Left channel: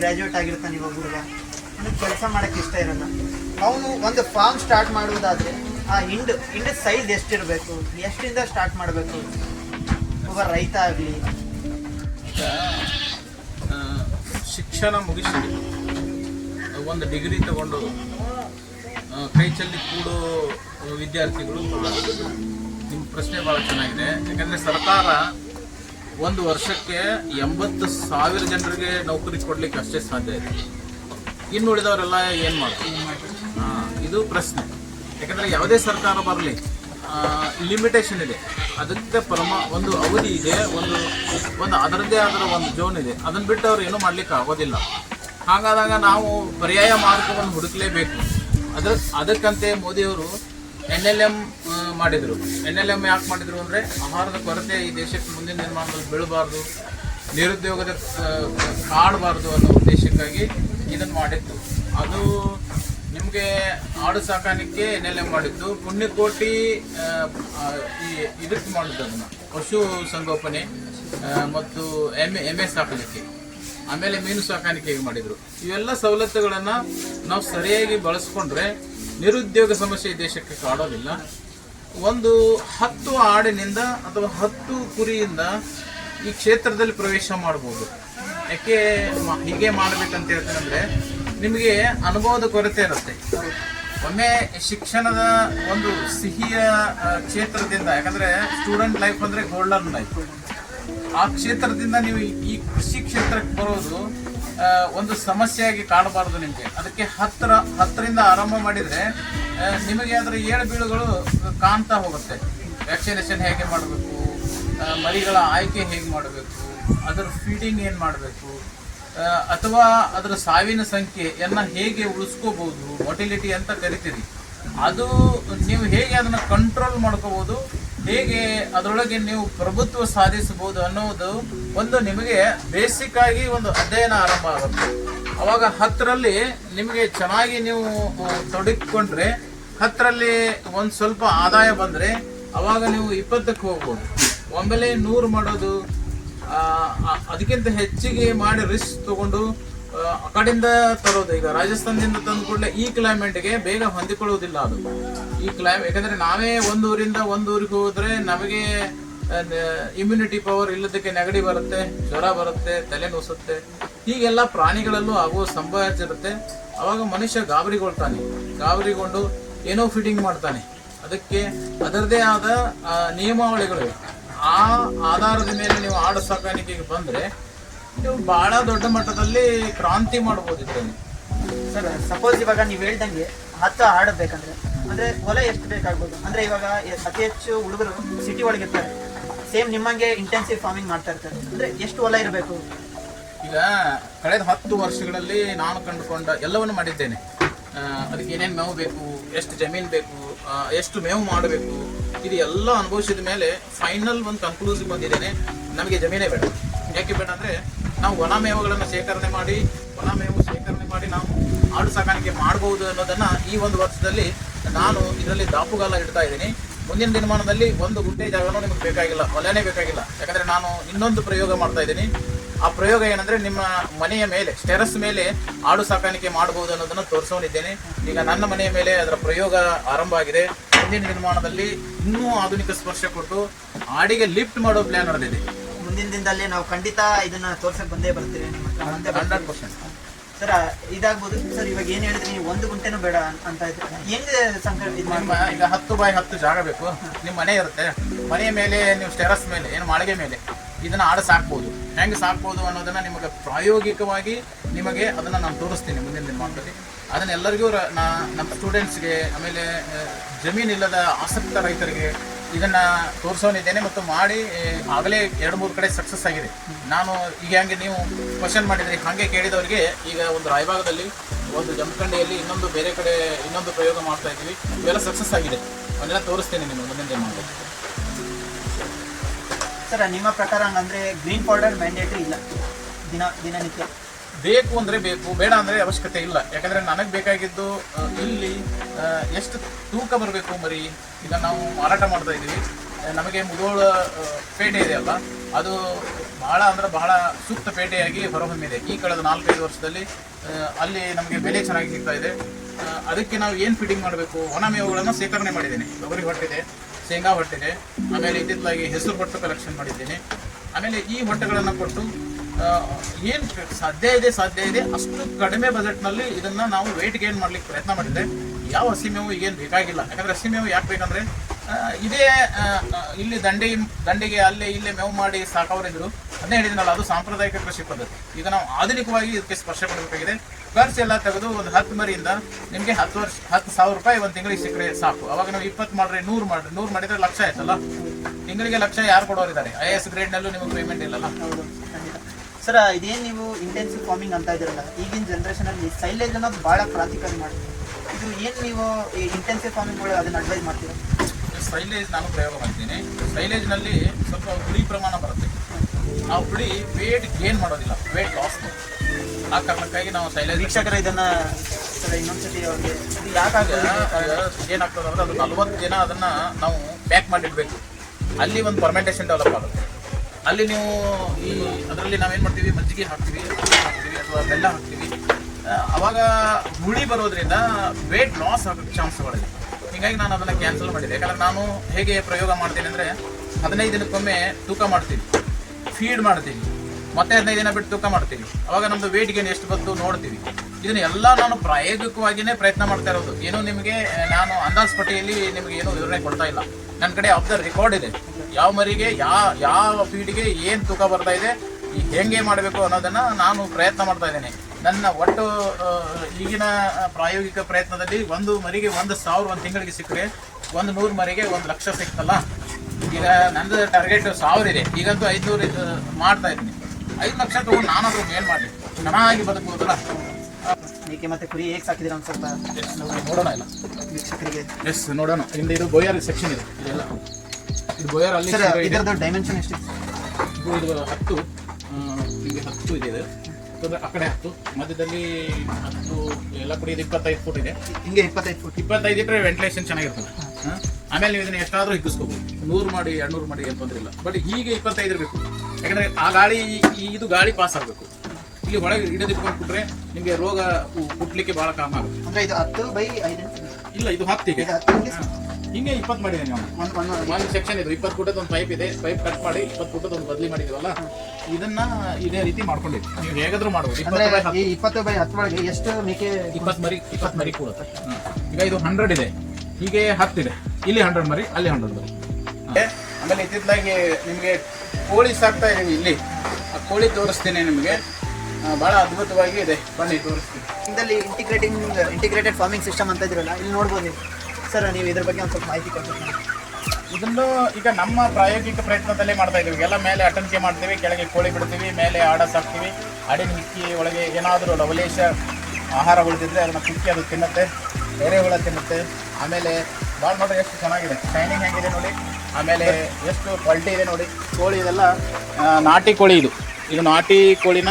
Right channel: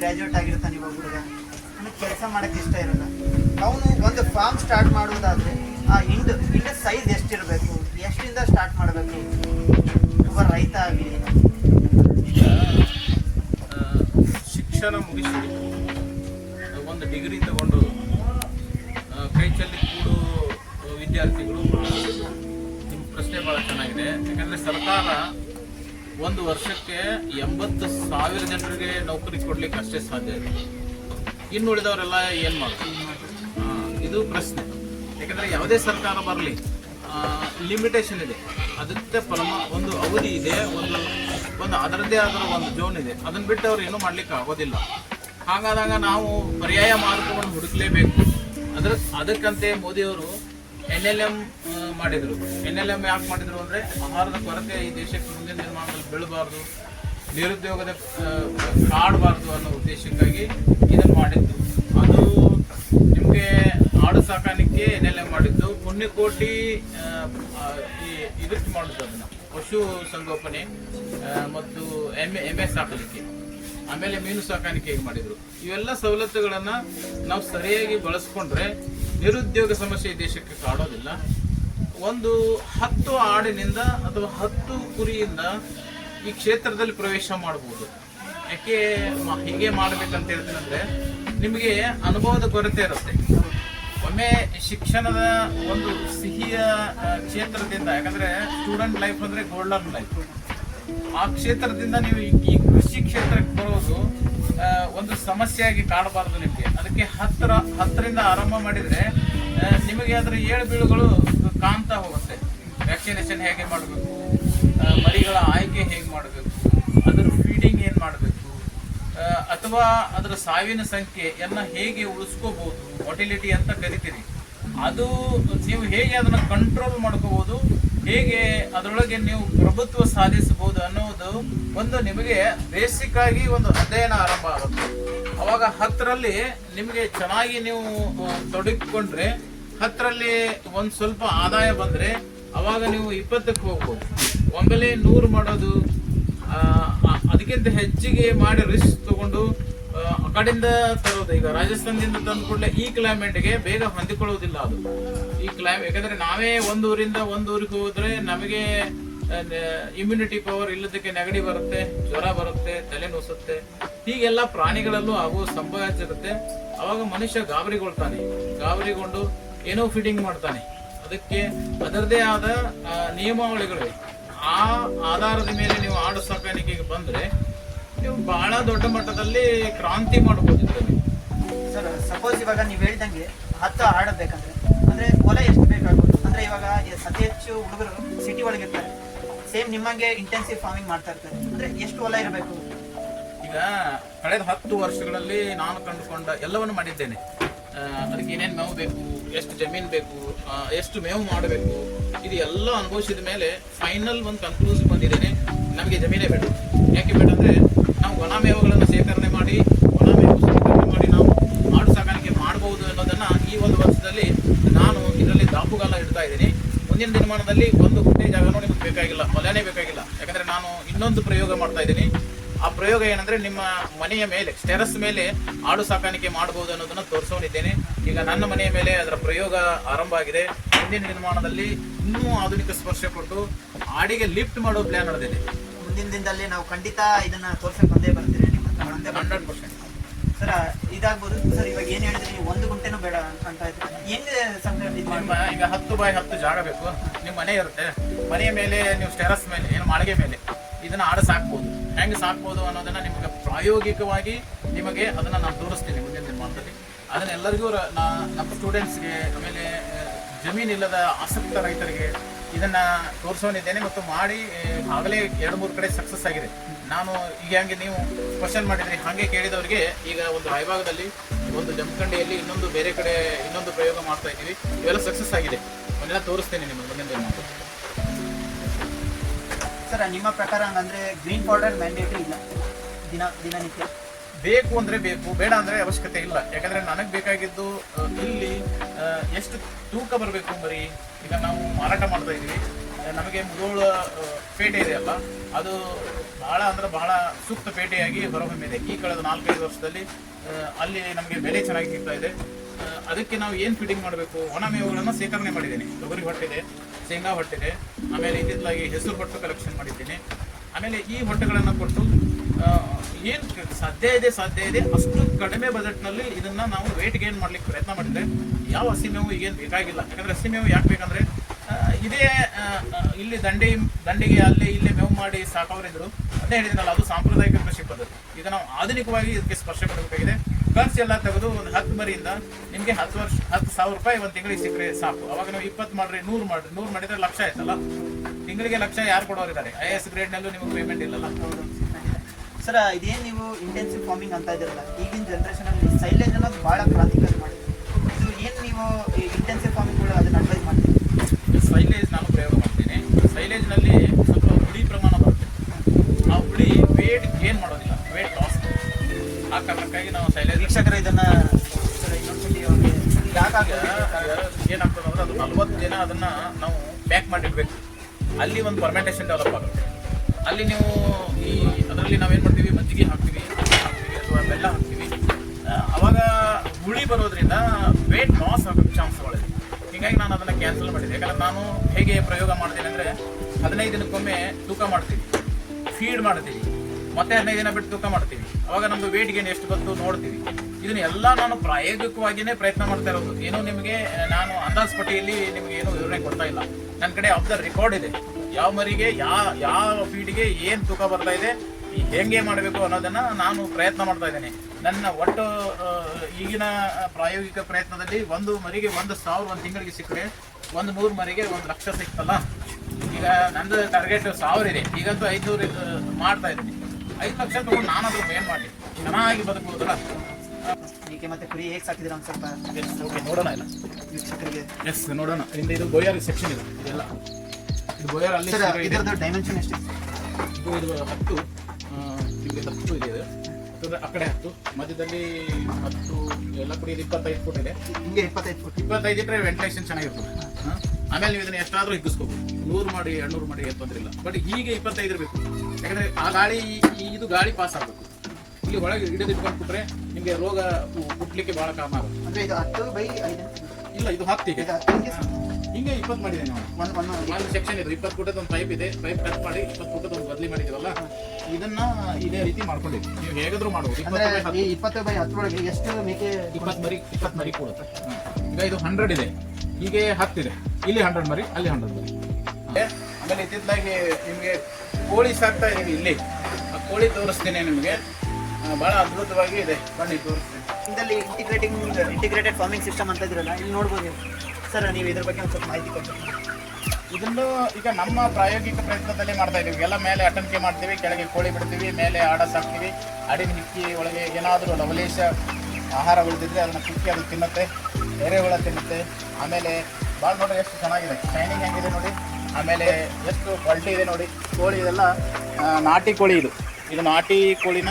Graduate ಆಗಿರ್ತಾನೆ ಇವಾಗ ಹುಡುಗ. ಅವನಿಗೆ ಕೆಲಸ ಮಾಡಕ್ಕೆ ಇಷ್ಟ ಇರಲ್ಲ. ಅವನು ಒಂದು ಫಾರ್ಮ್ ಸ್ಟಾರ್ಟ್ ಮಾಡೋದಾದ್ರೆ ಆ ಹಿಂಡ್ ಹಿಂಡ್ ಸೈಜ್ ಎಷ್ಟಿರಬೇಕು? ಎಷ್ಟಿಂದ ಸ್ಟಾರ್ಟ್ ಮಾಡಬೇಕು? ಒಬ್ಬ ರೈತ ಆಗಲಿ. ಶಿಕ್ಷಣ ಮುಗಿಸಿ, ಒಂದು ಡಿಗ್ರಿ ತಗೊಂಡು ಕೈ ಚೆಲ್ಲಿ ಕೂಡೋ ವಿದ್ಯಾರ್ಥಿಗಳು ನಿಮ್ಮ ಪ್ರಶ್ನೆ ಭಾಳ ಚೆನ್ನಾಗಿದೆ. ಯಾಕಂದರೆ ಸರ್ಕಾರ ಒಂದು ವರ್ಷಕ್ಕೆ ಎಂಬತ್ತು ಸಾವಿರ ಜನರಿಗೆ ನೌಕರಿ ಕೊಡ್ಲಿಕ್ಕೆ ಅಷ್ಟೇ ಸಾಧ್ಯ ಇದೆ. ಇನ್ನು ಉಳಿದವರೆಲ್ಲ ಏನು ಮಾಡ್ತಾರೆ? ಇದು ಪ್ರಶ್ನೆ. ಯಾಕಂದರೆ ಯಾವುದೇ ಸರ್ಕಾರ ಬರಲಿ ಲಿಮಿಟೇಷನ್ ಇದೆ. ಅದಕ್ಕೆ ಪರಮ ಒಂದು ಅವಧಿ ಇದೆ ಒಂದು ಒಂದು ಅದರದ್ದೇ ಆದ ಒಂದು ಜೋನ್ ಇದೆ. ಅದನ್ನು ಬಿಟ್ಟು ಅವ್ರು ಏನೂ ಮಾಡ್ಲಿಕ್ಕೆ ಆಗೋದಿಲ್ಲ. ಹಾಗಾದಾಗ ನಾವು ಪರ್ಯಾಯ ಮಾರ್ಗವನ್ನು ಹುಡುಕಲೇಬೇಕು. ಅದ ಅದಕ್ಕಂತೆ ಮೋದಿಯವರು ಎನ್ ಎಲ್ ಎಂ ಮಾಡಿದರು. ಎನ್ ಎಲ್ ಎಂ ಯಾಕೆ ಮಾಡಿದರು ಅಂದರೆ ಆಹಾರದ ಕೊರತೆ ಈ ದೇಶಕ್ಕೆ ಮುಂದಿನ ನಿರ್ಮಾಣದಲ್ಲಿ ಬೀಳಬಾರ್ದು, ನಿರುದ್ಯೋಗದ ಕಾಡಬಾರ್ದು ಅನ್ನೋ ಉದ್ದೇಶಕ್ಕಾಗಿ ಇದನ್ನು ಮಾಡಿದ್ದು. ಅದು ನಿಮಗೆ ಆಡು ಸಾಕಾಣಿಕೆ ಎನ್ ಎಲ್ ಎಂ ಮಾಡಿದ್ದು ಪುಣ್ಯಕೋಟಿ ಈ, ಇದಕ್ಕೆ ಮಾಡಿದ್ದು ಅದನ್ನು. ಪಶು ಸಂಗೋಪನೆ ಮತ್ತು ಮತ್ತು ಎಮ್ಮೆ ಎಸ್ ಸಾಕಲಿಕ್ಕೆ. ಆಮೇಲೆ ಮೀನು ಸಾಕಾಣಿಕೆಗೆ ಮಾಡಿದರು. ಇವೆಲ್ಲ ಸವಲತ್ತುಗಳನ್ನು ನಾವು ಸರಿಯಾಗಿ ಬಳಸ್ಕೊಂಡ್ರೆ ನಿರುದ್ಯೋಗ ಸಮಸ್ಯೆ ಈ ದೇಶಕ್ಕೆ ಕಾಡೋದಿಲ್ಲ. ಒಂದು ಹತ್ತು ಆಡಿನಿಂದ ಅಥವಾ ಹತ್ತು ಕುರಿಯಿಂದ ಈ ಕ್ಷೇತ್ರದಲ್ಲಿ ಪ್ರವೇಶ ಮಾಡ್ಬೋದು. ಯಾಕೆ ಹೀಗೆ ಮಾಡಬೇಕಂತ ಹೇಳ್ತಂದ್ರೆ ನಿಮಗೆ ಅನುಭವದ ಕೊರತೆ ಇರುತ್ತೆ. ಒಮ್ಮೆ ಶಿಕ್ಷಣದ ಒಂದು ಸಿಹಿಯ ಕ್ಷೇತ್ರದಿಂದ, ಯಾಕಂದ್ರೆ ಸ್ಟೂಡೆಂಟ್ ಲೈಫ್ ಅಂದ್ರೆ ಗೋಲ್ಡನ್ ಲೈಫ್. ಆ ಕ್ಷೇತ್ರದಿಂದ ನೀವು ಈ ಕೃಷಿ ಕ್ಷೇತ್ರಕ್ಕೆ ಬರೋದು ಒಂದು ಸಮಸ್ಯೆಯಾಗಿ ಕಾಡಬಾರದು ನಿಮಗೆ. ಅದಕ್ಕೆ ಹತ್ತರ, ಹತ್ತರಿಂದ ಆರಂಭ ಮಾಡಿದರೆ ನಿಮಗೆ ಅದರ ಏಳು ಬೀಳುಗಳು ಕಾಣ್ತಾ ಹೋಗುತ್ತೆ. ವ್ಯಾಕ್ಸಿನೇಷನ್ ಹೇಗೆ ಮಾಡಬೇಕು ಮರಿಗಳ ಆಯ್ಕೆ ಹೇಗೆ ಮಾಡಬೇಕು, ಅದರ ಫೀಡಿಂಗ್ ಏನು ಮಾಡಬೇಕು ಅಥವಾ ಅದರ ಸಾವಿನ ಸಂಖ್ಯೆಯನ್ನು ಹೇಗೆ ಉಳಿಸ್ಕೋಬೋದು ಮೊಟಿಲಿಟಿ ಅಂತ ಕರಿತೀರಿ. ಅದು ನೀವು ಹೇಗೆ ಅದನ್ನು ಕಂಟ್ರೋಲ್ ಮಾಡ್ಕೋಬಹುದು ಹೇಗೆ ಅದರೊಳಗೆ ನೀವು ಪ್ರಭುತ್ವ ಸಾಧಿಸಬಹುದು ಅನ್ನೋದು ಒಂದು ನಿಮಗೆ ಬೇಸಿಕ್ ಆಗಿ ಒಂದು ಅಧ್ಯಯನ ಆರಂಭ ಆಗುತ್ತೆ. ಅವಾಗ ಹತ್ತರಲ್ಲಿ ನಿಮಗೆ ಚೆನ್ನಾಗಿ ನೀವು ತೊಡಗಿಕೊಂಡ್ರೆ, ಹತ್ತರಲ್ಲಿ ಒಂದು ಸ್ವಲ್ಪ ಆದಾಯ ಬಂದರೆ ಅವಾಗ ನೀವು ಇಪ್ಪತ್ತಕ್ಕೆ ಹೋಗ್ಬೋದು. ಒಮ್ಮೆಲೆ ನೂರು ಮಾಡೋದು ಅದಕ್ಕಿಂತ ಹೆಚ್ಚಿಗೆ ಮಾಡಿ ರಿಸ್ಕ್ ತಗೊಂಡು ಕಡೆಯಿಂದ ತರೋದು, ಈಗ ರಾಜಸ್ಥಾನದಿಂದ ತಂದ ಕೂಡಲೇ ಈ ಕ್ಲೈಮೇಟ್ಗೆ ಬೇಗ ಹೊಂದಿಕೊಳ್ಳೋದಿಲ್ಲ ಅದು. ಈ ಕ್ಲೈಮ್ ಯಾಕಂದ್ರೆ ನಾವೇ ಒಂದು ಊರಿಂದ ಒಂದು ಊರಿಗೆ ಹೋದ್ರೆ ನಮಗೆ ಇಮ್ಯುನಿಟಿ ಪವರ್ ಇಲ್ಲದಕ್ಕೆ ನೆಗಡಿ ಬರುತ್ತೆ, ಜ್ವರ ಬರುತ್ತೆ, ತಲೆ ನೋಸುತ್ತೆ. ಹೀಗೆಲ್ಲ ಪ್ರಾಣಿಗಳಲ್ಲೂ ಆಗುವ ಸಂಭವ ಇರುತ್ತೆ. ಅವಾಗ ಮನುಷ್ಯ ಗಾಬರಿಗೊಳ್ತಾನೆ. ಗಾಬರಿಗೊಂಡು ಏನೋ ಫಿಟ್ಟಿಂಗ್ ಮಾಡ್ತಾನೆ. ಅದಕ್ಕೆ ಅದರದೇ ಆದ ನಿಯಮಾವಳಿಗಳು ಆ ಆಧಾರದ ಮೇಲೆ ನೀವು ಆಡು ಸಾಕಾಣಿಕೆಗೆ ಬಂದ್ರೆ ನೀವು ಬಹಳ ದೊಡ್ಡ ಮಟ್ಟದಲ್ಲಿ ಕ್ರಾಂತಿ ಮಾಡಬಹುದು ಸರ್ ಸಪೋಸ್ ಇವಾಗ ನೀವು ಹೇಳ್ದಂಗೆ ಹತ್ತು ಆಡಬೇಕಂದ್ರೆ, ಅಂದ್ರೆ ಹೊಲ ಎಷ್ಟು ಬೇಕಾಗ್ಬೋದು? ಅಂದ್ರೆ ಇವಾಗ ಅತಿ ಹೆಚ್ಚು ಹುಡುಗರು ಸಿಟಿ ಒಳಗೆ ಇರ್ತಾರೆ. ಸೇಮ್ ನಿಮ್ಮಂಗೆ ಇಂಟೆನ್ಸಿವ್ ಫಾರ್ಮಿಂಗ್ ಮಾಡ್ತಾ ಇರ್ತಾರೆ. ಅಂದ್ರೆ ಎಷ್ಟು ಹೊಲ ಇರಬೇಕು? ಈಗ ಕಳೆದ ಹತ್ತು ವರ್ಷಗಳಲ್ಲಿ ನಾನು ಕಂಡುಕೊಂಡ ಎಲ್ಲವನ್ನು ಮಾಡಿದ್ದೇನೆ. ಅದಕ್ಕೆ ಏನೇನು ಮೇವು ಬೇಕು, ಎಷ್ಟು ಜಮೀನು ಬೇಕು ಎಷ್ಟು ಮೇವು ಮಾಡಬೇಕು, ಇದು ಎಲ್ಲ ಅನುಭವಿಸಿದ ಮೇಲೆ ಫೈನಲ್ ಒಂದು ಕನ್ಕ್ಲೂಸಿವ್ ಬಂದಿದ್ದೇನೆ. ನಮಗೆ ಜಮೀನೇ ಬೇಡ. ಯಾಕೆ ಬೇಡ ಅಂದರೆ ನಾವು ಒಣ ಮೇವುಗಳನ್ನು ಶೇಖರಣೆ ಮಾಡಿ ಒಣ ಮೇವು ಶೇಖರಣೆ ಮಾಡಿ ನಾವು ಆಡು ಸಾಕಾಣಿಕೆ ಮಾಡಬಹುದು ಅನ್ನೋದನ್ನು ಈ ಒಂದು ವರ್ಷದಲ್ಲಿ ನಾನು ಇದರಲ್ಲಿ ದಾಪುಗಾಲ ಇಡ್ತಾ ಇದ್ದೀನಿ. ಮುಂದಿನ ನಿರ್ಮಾಣದಲ್ಲಿ ಒಂದು ಗುಂಟೆ ಜಾಗನೂ ನಿಮಗೆ ಬೇಕಾಗಿಲ್ಲ ಹೊಲನೇ ಬೇಕಾಗಿಲ್ಲ. ಯಾಕಂದರೆ ನಾನು ಇನ್ನೊಂದು ಪ್ರಯೋಗ ಮಾಡ್ತಾ ಇದ್ದೀನಿ. ಆ ಪ್ರಯೋಗ ಏನಂದ್ರೆ ನಿಮ್ಮ ಮನೆಯ ಮೇಲೆ, ಸ್ಟೆರಸ್ ಮೇಲೆ ಆಡು ಸಾಕಾಣಿಕೆ ಮಾಡಬಹುದು ಅನ್ನೋದನ್ನ ತೋರಿಸೋನಿದ್ದೇನೆ ಈಗ ನನ್ನ ಮನೆಯ ಮೇಲೆ ಅದರ ಪ್ರಯೋಗ ಆರಂಭ ಆಗಿದೆ. ಮುಂದಿನ ನಿರ್ಮಾಣದಲ್ಲಿ ಇನ್ನೂ ಆಧುನಿಕ ಸ್ಪರ್ಶ ಕೊಟ್ಟು, ಆಡಿಗೆ ಲಿಫ್ಟ್ ಮಾಡೋ ಪ್ಲಾನ್ ನಡೆದಿದೆ. ಮುಂದಿನ ದಿನದಲ್ಲಿ ನಾವು ಖಂಡಿತ ಇದನ್ನ ತೋರ್ಸಕ್ ಬಂದೇ ಬರ್ತೀವಿ. ನಿಮ್ಮ ಹತ್ರ ಬಂದೇ ಹಂಡ್ರೆಡ್ ಪರ್ಸೆಂಟ್. ಸರ್ ಇದಾಗ್ಬೋದು. ಸರ್ ಇವಾಗ ಏನ್ ಹೇಳಿದ್ರಿ? ನೀವು ಒಂದು ಗುಂಟೆನೂ ಬೇಡ ಅಂತ ಇದ್ರು. ಹೆಂಗೆ ಸಂಕಲ್ಪ ಇದು? ನಿಮ್ಮ ಮಾಡಿ ಈಗ ಹತ್ತು ಬಾಯ್ ಹತ್ತು ಜಾಗ ಬೇಕು. ನಿಮ್ಮ ಮನೆ ಇರುತ್ತೆ. ಮನೆ ಮೇಲೆ ನೀವು ಸ್ಟೆರಸ್ ಮೇಲೆ ಏನು ಮಾಳಿಗೆ ಮೇಲೆ ಇದನ್ನ ಆಡ ಸಾಕ್ಬೋದು. ಹೆಂಗೆ ಸಾಕ್ಬೋದು ಅನ್ನೋದನ್ನ ನಿಮಗೆ ಪ್ರಾಯೋಗಿಕವಾಗಿ ನಿಮಗೆ ಅದನ್ನ ನಾನು ತೋರಿಸ್ತೀನಿ ಮುಂದಿನ ನಿರ್ಮಾಣದಲ್ಲಿ. ಅದನ್ನ ಎಲ್ಲರಿಗೂ ರ- ನಾ ನಮ್ಮ ಸ್ಟೂಡೆಂಟ್ಸ್ಗೆ ಆಮೇಲೆ ಆ, ಜಮೀನಿಲ್ಲದ ಆಸಕ್ತ ರೈತರಿಗೆ ಇದನ್ನ ತೋರಿಸೋನಿದ್ದೇನೆ ಮತ್ತು ಮಾಡಿ ಆಗಲೇ ಎರಡು ಮೂರು ಕಡೆ ಸಕ್ಸಸ್ ಆಗಿದೆ. ನಾನು ಈಗ ಹಂಗೆ ನೀವು ಕ್ವಶನ್ ಮಾಡಿದ್ರಿ, ಹಾಗೆ ಕೇಳಿದವರಿಗೆ ಈಗ ಒಂದು ರಾಯಭಾಗದಲ್ಲಿ ಒಂದು ಜಮಖಂಡಿಯಲ್ಲಿ ಇನ್ನೊಂದು ಬೇರೆ ಕಡೆ ಇನ್ನೊಂದು ಪ್ರಯೋಗ ಮಾಡ್ತಾ ಇದ್ದೀವಿ. ಇವೆಲ್ಲ ಸಕ್ಸಸ್ ಆಗಿದೆ. ಅದನ್ನೆಲ್ಲ ತೋರಿಸ್ತೀನಿ ನಿಮ್ಮ ಮುಂದಿನ ದಿನ ಸರ್, ನಿಮ್ಮ ಪ್ರಕಾರ ಹಂಗಂದ್ರೆ ಗ್ರೀನ್ ಪೌಡರ್ ಮ್ಯಾಂಡೇಟ್ರಿ ಇಲ್ಲ ದಿನ ದಿನನಿತ್ಯ? ಬೇಕು ಅಂದ್ರೆ ಬೇಕು, ಬೇಡ ಅಂದ್ರೆ ಅವಶ್ಯಕತೆ ಇಲ್ಲ. ಯಾಕಂದ್ರೆ ನನಗೆ ಬೇಕಾಗಿದ್ದು ಇಲ್ಲಿ ಎಷ್ಟು ತೂಕ ಬರಬೇಕು ಮರಿ? ಈಗ ನಾವು ಮಾರಾಟ ಮಾಡ್ತಾ ಇದ್ದೀವಿ. ನಮಗೆ ಮುದೋಳ ಪೇಟೆ ಇದೆ ಅಲ್ಲ ಅದು ಬಹಳ ಅಂದ್ರೆ ಬಹಳ ಸೂಕ್ತ ಪೇಟೆಯಾಗಿ ಹೊರಹೊಮ್ಮಿದೆ. ಈ ಕಳೆದ ನಾಲ್ಕೈದು ವರ್ಷದಲ್ಲಿ ಅಲ್ಲಿ ನಮಗೆ ಬೆಲೆ ಚೆನ್ನಾಗಿ ಸಿಗ್ತಾ ಇದೆ. ಅದಕ್ಕೆ ನಾವು ಏನು ಫಿಟ್ಟಿಂಗ್ ಮಾಡಬೇಕು? ಒಣ ಮೇವುಗಳನ್ನು ಶೇಖರಣೆ ಮಾಡಿದ್ದೀನಿ. ತೊಗರಿ ಹೊಟ್ಟಿದೆ, ಶೇಂಗಾ ಹೊಟ್ಟಿದೆ, ಆಮೇಲೆ ಇತ್ತಿತ್ತಲಾಗಿ ಹೆಸರು ಹೊಟ್ಟು ಕಲೆಕ್ಷನ್ ಮಾಡಿದ್ದೀನಿ. ಆಮೇಲೆ ಈ ಹೊಟ್ಟೆಗಳನ್ನು ಕೊಟ್ಟು ಏನು ಸಾಧ್ಯ ಇದೆ ಸಾಧ್ಯ ಇದೆ, ಅಷ್ಟು ಕಡಿಮೆ ಬಜೆಟ್ನಲ್ಲಿ ಇದನ್ನು ನಾವು ವೆಯ್ಟ್ ಗೇನ್ ಮಾಡ್ಲಿಕ್ಕೆ ಪ್ರಯತ್ನ ಮಾಡಿದ್ರೆ ಯಾವ ಹಸಿ ಮೇವು ಏನು ಬೇಕಾಗಿಲ್ಲ. ಯಾಕಂದರೆ ಹಸಿ ಮೇವು ಯಾಕೆ ಬೇಕಂದರೆ ಇದೇ ಇಲ್ಲಿ ದಂಡಿ, ದಂಡಿಗೆ ಅಲ್ಲೇ ಇಲ್ಲೇ ಮೇವು ಮಾಡಿ ಸಾಕವರಿದ್ರು, ಅದನ್ನೇ ಹೇಳಿದ್ರಲ್ಲ ಅದು ಸಾಂಪ್ರದಾಯಿಕ ಕೃಷಿ ಪದ್ಧತಿ. ಈಗ ನಾವು ಆಧುನಿಕವಾಗಿ ಇದಕ್ಕೆ ಸ್ಪರ್ಶ ಪಡಬೇಕಾಗಿದೆ ಖರ್ಚೆಲ್ಲ ತೆಗೆದು ಒಂದು ಹತ್ತು ಮರಿಯಿಂದ ನಿಮಗೆ ಹತ್ತು ವರ್ಷ, ಹತ್ತು ಸಾವಿರ ರೂಪಾಯಿ ಒಂದು ತಿಂಗಳಿಗೆ ಸಿಕ್ಕರೆ ಸಾಕು. ಅವಾಗ ನಾವು ಇಪ್ಪತ್ತು ಮಾಡ್ರಿ ನೂರು ಮಾಡ್ರಿ ನೂರು ಮಾಡಿದ್ರೆ ಲಕ್ಷ ಆಯ್ತಲ್ಲ? ತಿಂಗಳಿಗೆ ಲಕ್ಷ ಯಾರು ಕೊಡೋರಿದ್ದಾರೆ? ಐ ಎಸ್ ಗ್ರೇಡ್ನಲ್ಲೂ ನಿಮಗೆ ಪೇಮೆಂಟ್ ಇಲ್ಲಲ್ಲ. ಸರ್ ಇದೇನು ನೀವು ಇಂಟೆನ್ಸಿವ್ ಫಾರ್ಮಿಂಗ್ ಅಂತ ಇದ್ದೀರಲ್ಲ ಈಗಿನ ಜನ್ರೇಷನಲ್ಲಿ ಸೈಲೇಜ್ ಅನ್ನೋದು ಭಾಳ ಕ್ರಾಂತಿಕಾರಿ ಮಾಡಿ ಇದು ಏನು ನೀವು ಈ ಇಂಟೆನ್ಸಿವ್ ಫಾರ್ಮಿಂಗ್ಗಳು ಅದನ್ನ ಅಡ್ವೈಸ್ ಮಾಡ್ತೀವಿ ಸೈಲೇಜ್ ನಾನು ಪ್ರಯೋಗ ಮಾಡ್ತೀನಿ. ಸೈಲೇಜ್ನಲ್ಲಿ ಸ್ವಲ್ಪ ಹುಳಿ ಪ್ರಮಾಣ ಬರುತ್ತೆ. ಆ ಹುಳಿ ವೇಟ್ ಗೇನ್ ಮಾಡೋದಿಲ್ಲ. ವೇಟ್ ಲಾಸ್ ಆ ಕಾರಣಕ್ಕಾಗಿ ನಾವು ಸೈಲೇಜ್ ವೀಕ್ಷಕರು ಇದನ್ನು ಅವ್ರಿಗೆ ಯಾಕಾಗ ಏನಾಗ್ತದೆ ಅಂದ್ರೆ ಅದು ನಲ್ವತ್ತು ದಿನ ಅದನ್ನ ನಾವು ಪ್ಯಾಕ್ ಮಾಡಿಡ್ಬೇಕು. ಅಲ್ಲಿ ಒಂದು ಫರ್ಮೆಂಟೇಷನ್ ಡೆವಲಪ್ ಆಗುತ್ತೆ. ಅಲ್ಲಿ ನೀವು ಈ ಅದರಲ್ಲಿ ನಾವೇನು ಮಾಡ್ತೀವಿ? ಮಜ್ಜಿಗೆ ಹಾಕ್ತೀವಿ ಹಾಕ್ತೀವಿ, ಅಥವಾ ಬೆಲ್ಲ ಹಾಕ್ತೀವಿ. ಅವಾಗ ಹುಳಿ ಬರೋದ್ರಿಂದ ವೇಟ್ ಲಾಸ್ ಆಗೋ ಚಾನ್ಸ್ಗಳಿದೆ ಹೀಗಾಗಿ ನಾನು ಅದನ್ನು ಕ್ಯಾನ್ಸಲ್ ಮಾಡಿದೆ. ಯಾಕಂದ್ರೆ ನಾನು ಹೇಗೆ ಪ್ರಯೋಗ ಮಾಡ್ತೀನಿ ಅಂದರೆ ಹದಿನೈದು ದಿನಕ್ಕೊಮ್ಮೆ ತೂಕ ಮಾಡ್ತೀನಿ ಫೀಡ್ ಮಾಡ್ತೀನಿ. ಮತ್ತೆ ಹದಿನೈದು ದಿನ ಬಿಟ್ಟು ತೂಕ ಮಾಡ್ತೀವಿ ಅವಾಗ ನಮ್ಮದು ವೇಟ್ ಗೇನ್ ಎಷ್ಟು ಬಂತು ನೋಡ್ತೀವಿ. ಇದನ್ನ ಎಲ್ಲ ನಾನು ಪ್ರಾಯೋಗಿಕವಾಗಿಯೇ ಪ್ರಯತ್ನ ಮಾಡ್ತಾ ಇರೋದು. ಏನು ನಿಮಗೆ ನಾನು ಅಂದಾಜ್ ಪಟ್ಟಿಯಲ್ಲಿ ನಿಮಗೆ ಏನು ವಿವರಣೆ ಕೊಡ್ತಾ ಇಲ್ಲ. ನನ್ನ ಕಡೆ ಆಫ್ ದ ರೆಕಾರ್ಡ್ ಇದೆ. ಯಾವ ಮರಿಗೆ ಯಾವ ಯಾವ ಫೀಡ್ಗೆ ಏನು ತೂಕ ಬರ್ತಾ ಇದೆ ಹೆಂಗೆ ಮಾಡಬೇಕು ಅನ್ನೋದನ್ನ ನಾನು ಪ್ರಯತ್ನ ಮಾಡ್ತಾ ಇದ್ದೇನೆ. ನನ್ನ ಒಟ್ಟು ಈಗಿನ ಪ್ರಾಯೋಗಿಕ ಪ್ರಯತ್ನದಲ್ಲಿ ಒಂದು ಮರಿಗೆ ಒಂದು ಸಾವಿರ ಒಂದು ತಿಂಗಳಿಗೆ ಸಿಕ್ಕರೆ ಒಂದು ನೂರು ಮರಿಗೆ ಒಂದು ಲಕ್ಷ ಸಿಕ್ತಲ್ಲ. ಈಗ ನಂದು ಟಾರ್ಗೆಟ್ ಸಾವಿರ ಇದೆ. ಈಗಂತೂ ಐದುನೂರು ಮಾಡ್ತಾ ಇದ್ದೀನಿ. ಐದು ಲಕ್ಷ ತಗೊಂಡು ನಾನಾದರೂ ಏನು ಮಾಡಲಿ? ಚೆನ್ನಾಗಿ ಬದುಕಬಹುದಲ್ಲ ಮೇಕೆ ಮತ್ತೆ ಕುರಿ ಹೇಗೆ ಸಾಕಿದ್ದೀರ ಒಂದು ಸ್ವಲ್ಪ? ನೋಡೋಣ ಇಲ್ಲ ವೀಕ್ಷಕರಿಗೆ. ಎಸ್ ನೋಡೋಣ. ಇಲ್ಲಿ ಇದು ಬೋಯರ್ ಸೆಕ್ಷನ್ ಇದೆ. ಇದೆಲ್ಲ. ಇದು ಬೋಯರ್ ಅಲ್ಲಿ ಸರ್ ಇದೆ. ಇದರದ್ದು ಡೈಮೆನ್ಷನ್ ಎಷ್ಟು? ಇದು ಇದು ಹತ್ತು. ಇಲ್ಲಿ ಹತ್ತು ಇದೆ ಆ ಕಡೆ ಹತ್ತು. ಮಧ್ಯದಲ್ಲಿ ಹತ್ತು ಎಲ್ಲ ಕೂಡ ಇದು ಇಪ್ಪತ್ತೈದು ಫುಟ್ ಇದೆ. ಹಿಂಗೆ ಇಪ್ಪತ್ತೈದು ಫುಟ್ ಇಪ್ಪತ್ತೈದು ಇಟ್ಟರೆ ವೆಂಟಿಲೇಷನ್ ಚೆನ್ನಾಗಿರ್ತದೆ. ಆಮೇಲೆ ನೀವು ಇದನ್ನ ಎಷ್ಟಾದರೂ ಹಿಗ್ಗಿಸ್ಕೋಬೋದು. ನೂರು ಮಾಡಿ ಎರಡ್ನೂರು ಮಾಡಿ ಏನು ತೊಂದರೆ ಇಲ್ಲ. ಬಟ್ ಹೀಗೆ ಇಪ್ಪತ್ತೈದು ಇರಬೇಕು. ಯಾಕಂದರೆ ಆ ಗಾಳಿ ಇದು ಗಾಳಿ ಪಾಸ್ ಆಗಬೇಕು. ಇಲ್ಲಿ ಒಳಗೆ ಹಿಡಿದಿಟ್ಕೊಂಡು ಬಿಟ್ರೆ ನಿಮಗೆ ರೋಗ ಹುಟ್ಟಲಿಕ್ಕೆ ಹುಟ್ಲಿಕ್ಕೆ ಬಹಳ ಕಾಮ ಆಗುತ್ತೆ. ಅಂದರೆ ಇದು ಹತ್ತು ಬೈ ಐದು? ಇಲ್ಲ ಇದು ಹತ್ತಿಗೆ ಹತ್ತು ಹಿಂಗೆ. ಇಪ್ಪತ್ತು ಮಾಡಿದ್ದೀನಿ ನಾವು. ಒಂದು ಸೆಕ್ಷನ್ ಇದು ಇಪ್ಪತ್ತು ಫುಟದ ಒಂದು ಪೈಪ್ ಇದೆ. ಪೈಪ್ ಕಟ್ ಮಾಡಿ ಇಪ್ಪತ್ತು ಫುಟದ ಒಂದು ಬದಲಿ ಮಾಡಿದ್ರಲ್ಲ ಇದನ್ನ ಇದೇ ರೀತಿ ಮಾಡ್ಕೊಂಡಿದ್ವಿ. ನೀವು ಹೇಗಾದ್ರೂ ಮಾಡ್ಬೋದು. ಇಪ್ಪತ್ತು ಬೈ ಇಪ್ಪತ್ತು ಬೈ ಹತ್ತರೊಳಗೆ ಎಷ್ಟು ಮೇಕೆ ಇಪ್ಪತ್ತು ಮರಿ ಇಪ್ಪತ್ತು ಮರಿ ಕೊಡುತ್ತೆ ಈಗ ಇದು ಹಂಡ್ರೆಡ್ ಇದೆ. ಹೀಗೆ ಹತ್ತಿದೆ ಇಲ್ಲಿ ಹಂಡ್ರೆಡ್ ಮರಿ ಅಲ್ಲಿ ಹಂಡ್ರೆಡ್ ಮರಿ. ಆಮೇಲೆ ಇತ್ತಿತ್ತಲಾಗಿ ನಿಮಗೆ ಕೋಳಿ ಸಾಕ್ತಾ ಇದ್ದೀವಿ ಇಲ್ಲಿ. ಆ ಕೋಳಿ ತೋರಿಸ್ತೇನೆ ನಿಮಗೆ. ಬಹಳ ಅದ್ಭುತವಾಗಿ ಇದೆ. ಬನ್ನಿ ತೋರಿಸ್ತೀನಿ. ಇದರಲ್ಲಿ ಇಂಟಿಗ್ರೇಟಿಂಗ್ ಇಂಟಿಗ್ರೇಟೆಡ್ ಫಾರ್ಮಿಂಗ್ ಸಿಸ್ಟಮ್ ಅಂತ ಇದ್ರಲ್ಲ ಇಲ್ಲಿ ನೋಡ್ಬೋದು ನೀವು. ಸರ್ ನೀವು ಇದ್ರ ಬಗ್ಗೆ ಒಂದು ಸ್ವಲ್ಪ ಮಾಹಿತಿ ಕೊಡಿ ಇದನ್ನು ಈಗ ನಮ್ಮ ಪ್ರಾಯೋಗಿಕ ಪ್ರಯತ್ನದಲ್ಲೇ ಮಾಡ್ತಾ ಇದ್ದೀವಿ. ಎಲ್ಲ ಮೇಲೆ ಅಟಂಕಿ ಮಾಡ್ತೀವಿ ಕೆಳಗೆ ಕೋಳಿ ಬಿಡ್ತೀವಿ ಮೇಲೆ ಆಡ ಸಾಕ್ತೀವಿ. ಆಡಿನ ಮಿಕ್ಕಿ ಒಳಗೆ ಏನಾದರೂ ರವಲೇಶ ಆಹಾರ ಉಳಿದಿದ್ರೆ ಅದನ್ನು ಕುಕ್ಕಿ ಅದು ತಿನ್ನುತ್ತೆ ಎರೆಹುಳ ತಿನ್ನುತ್ತೆ. ಆಮೇಲೆ ಭಾಳ ನೋಡಿದ್ರೆ ಎಷ್ಟು ಚೆನ್ನಾಗಿದೆ. ಶೈನಿಂಗ್ ಆಗಿದೆ ನೋಡಿ. ಆಮೇಲೆ ಎಷ್ಟು ಕ್ವಾಲಿಟಿ ಇದೆ ನೋಡಿ. ಕೋಳಿ ಇದೆಲ್ಲ ನಾಟಿ ಕೋಳಿ ಇದು. ಇದು ನಾಟಿ ಕೋಳಿನ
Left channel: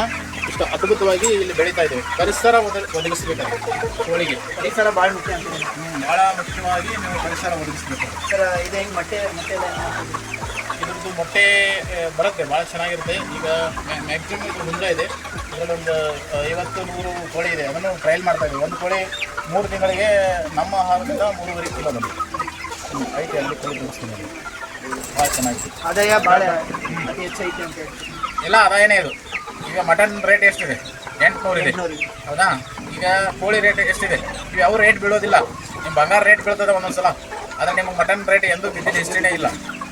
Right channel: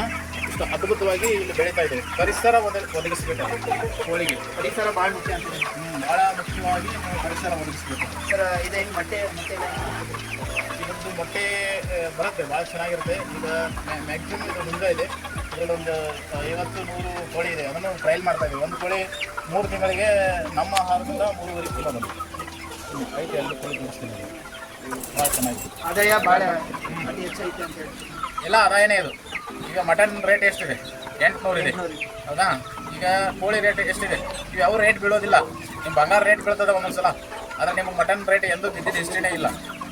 ಇಷ್ಟು ಅದ್ಭುತವಾಗಿ ಇಲ್ಲಿ ಬೆಳೀತಾ ಇದ್ದೇವೆ. ಪರಿಸರ ಒದ ಒದಗಿಸ್ಬೇಕಾಗುತ್ತೆ. ಕೋಳಿಗೆ. ಪರಿಸರ ಭಾಳ ಮುಖ್ಯ ಅಂತ ಭಾಳ ಮುಖ್ಯವಾಗಿ ನಾವು ಪರಿಸರ ಒದಗಿಸ್ಬೇಕು. ಸರ್ ಇದು ಹೆಂಗೆ ಮೊಟ್ಟೆ ಮೊಟ್ಟೆ ಎಲ್ಲ ಮೊಟ್ಟೆ ಬರುತ್ತೆ ಭಾಳ ಚೆನ್ನಾಗಿರುತ್ತೆ. ಈಗ ಮ್ಯಾಕ್ಸಿಮಮ್ ಇದು ಹುಂಜ ಇದೆ. ಅದರಲ್ಲೊಂದು ಒಂದು ಐವತ್ತು ನೂರು ಕೋಳಿ ಇದೆ. ಅದನ್ನು ಟ್ರಯಲ್ ಮಾಡ್ತಾ ಇದ್ದೀವಿ. ಒಂದು ಕೋಳಿ ಮೂರು ತಿಂಗಳಿಗೆ ನಮ್ಮ ಆಹಾರದಿಂದ ಮೂರುವರೆ ಕಿಲೋ ಬಂದಿದೆ ಐತೆ ಅಲ್ಲಿ ಕೋಳಿ ಭಾಳ ಚೆನ್ನಾಗಿದೆ ಆದಾಯ ಭಾಳ ಅತಿ ಹೆಚ್ಚೈತಿ ಅಂತ. ಎಲ್ಲ ಆದಾಯನೇ ಇದು. ಈಗ ಮಟನ್ ರೇಟ್ ಎಷ್ಟಿದೆ? ಎಂಟುನೂರು ಇದೆ. ಹೌದಾ? ಈಗ ಕೋಳಿ ರೇಟ್ ಎಷ್ಟಿದೆ? ಇವು ಯಾವ ರೇಟ್ ಬೀಳೋದಿಲ್ಲ. ನಿಮ್ಮ ಬಂಗಾರ ರೇಟ್ ಬೀಳ್ತದೆ ಒಂದೊಂದ್ಸಲ. ಆದರೆ ನಿಮಗೆ ಮಟನ್ ರೇಟ್ ಎಂದೂ ಬಿದ್ದಿದ್ದು ಹಿಸ್ಟ್ರಿನೇ ಇಲ್ಲ.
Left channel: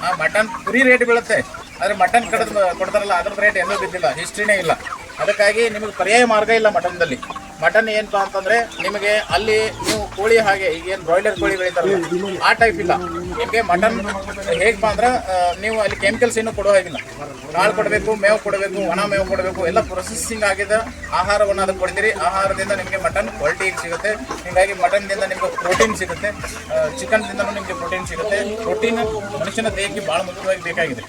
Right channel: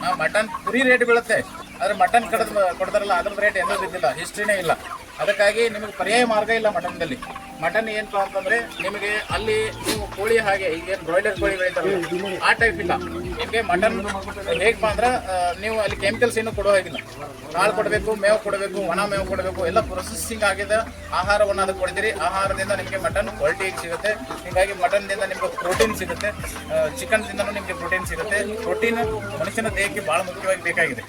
ಆ ಮಟನ್ ಕುರಿ ರೇಟ್ ಬೀಳುತ್ತೆ. ಆದರೆ ಮಟನ್ ಕಡದ್ ಕೊಡ್ತಾರಲ್ಲ ಅದ್ರ ರೇಟ್ ಎಂದೂ ಬಿದ್ದಿಲ್ಲ. ಹಿಸ್ಟ್ರಿನೇ ಇಲ್ಲ. ಅದಕ್ಕಾಗಿ ನಿಮಗೆ ಪರ್ಯಾಯ ಮಾರ್ಗ ಇಲ್ಲ ಮಟನ್ದಲ್ಲಿ ಮಟನ್ ಏನಪ್ಪಾ ಅಂತಂದ್ರೆ ನಿಮಗೆ ಅಲ್ಲಿ ನೀವು ಕೋಳಿ ಹಾಗೆ, ಈಗ ಏನು ಬ್ರಾಯ್ಲರ್ ಕೋಳಿ ಬೆಳಿತಾರಲ್ಲ, ಆ ಟೈಪ್ ಇಲ್ಲ. ನಿಮಗೆ ಮಟನ್ ಹೇಗಪ್ಪ ಅಂದ್ರೆ ನೀವು ಅಲ್ಲಿ ಕೆಮಿಕಲ್ಸ್ ಏನು ಕೊಡೋ ಹಾಗಿಲ್ಲ. ಕಾಳು ಕೊಡಬೇಕು, ಮೇವು ಕೊಡಬೇಕು, ಒಣ ಮೇವು ಕೊಡಬೇಕು, ಎಲ್ಲ ಪ್ರೊಸೆಸಿಂಗ್ ಆಗಿದ ಆಹಾರವನ್ನು ಅದು ಕೊಡ್ತೀರಿ. ಆಹಾರದಿಂದ ನಿಮಗೆ ಮಟನ್ ಕ್ವಾಲಿಟಿ ಸಿಗುತ್ತೆ. ಹೀಗಾಗಿ ಮಟನ್ದಿಂದ ನಿಮಗೆ ಪ್ರೋಟೀನ್ ಸಿಗುತ್ತೆ. ಚಿಕನ್ದಿಂದಲೂ ನಿಮಗೆ ಪ್ರೋಟೀನ್ ಸಿಗುತ್ತೆ. ಪ್ರೋಟೀನ್ ಮನುಷ್ಯನ ದೇಹಕ್ಕೆ ಭಾಳ ಮುಖ್ಯವಾಗಿ ಬೇಕಾಗಿದೆ.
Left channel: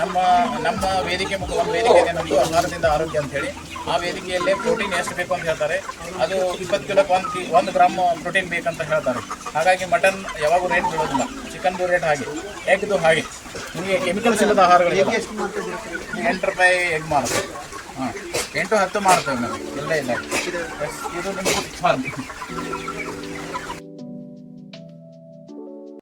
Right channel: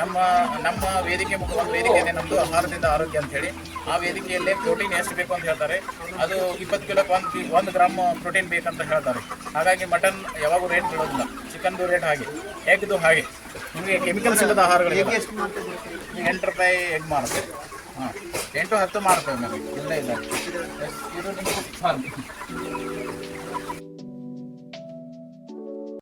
ನಮ್ಮ ನಮ್ಮ ವೇದಿಕೆ ಒಂದು ವೇದಿಕೆ ಇದೆ ಆಹಾರದಿಂದ ಆರೋಗ್ಯ ಅಂತ ಹೇಳಿ, ಆ ವೇದಿಕೆಯಲ್ಲಿ ಪ್ರೋಟೀನ್ ಎಷ್ಟು ಬೇಕು ಅಂತ ಹೇಳ್ತಾರೆ. ಅದು ಇಪ್ಪತ್ತು ಕಿಲೋಕ್ಕೆ ಒಂದು ಒಂದು ಗ್ರಾಮ್ ಪ್ರೋಟೀನ್ ಬೇಕಂತ ಹೇಳ್ತಾರೆ. ಹಾಗಾಗಿ ಮಟನ್ ಯಾವಾಗೂ ರೇಟ್ ಬಿಡೋದಿಲ್ಲ. ಚಿಕನ್ದು ರೇಟ್ ಹಾಗೆ. ಎಗ್ದು ಹಾಗೆ. ನಿಮಗೆ ಕೆಮಿಕಲ್ಸ್ ಇಲ್ಲದ ಆಹಾರಗಳು ಎಂಟು ರೂಪಾಯಿ ಎಗ್ ಮಾಡ್ತೀವಿ ಹಾಂ. ಎಂಟು ಹತ್ತು ಮಾಡ್ತೇವೆ ನಾವು ಇಲ್ಲೇ ಇಲ್ಲ. ಇದು ನಿಮ್ಗೆ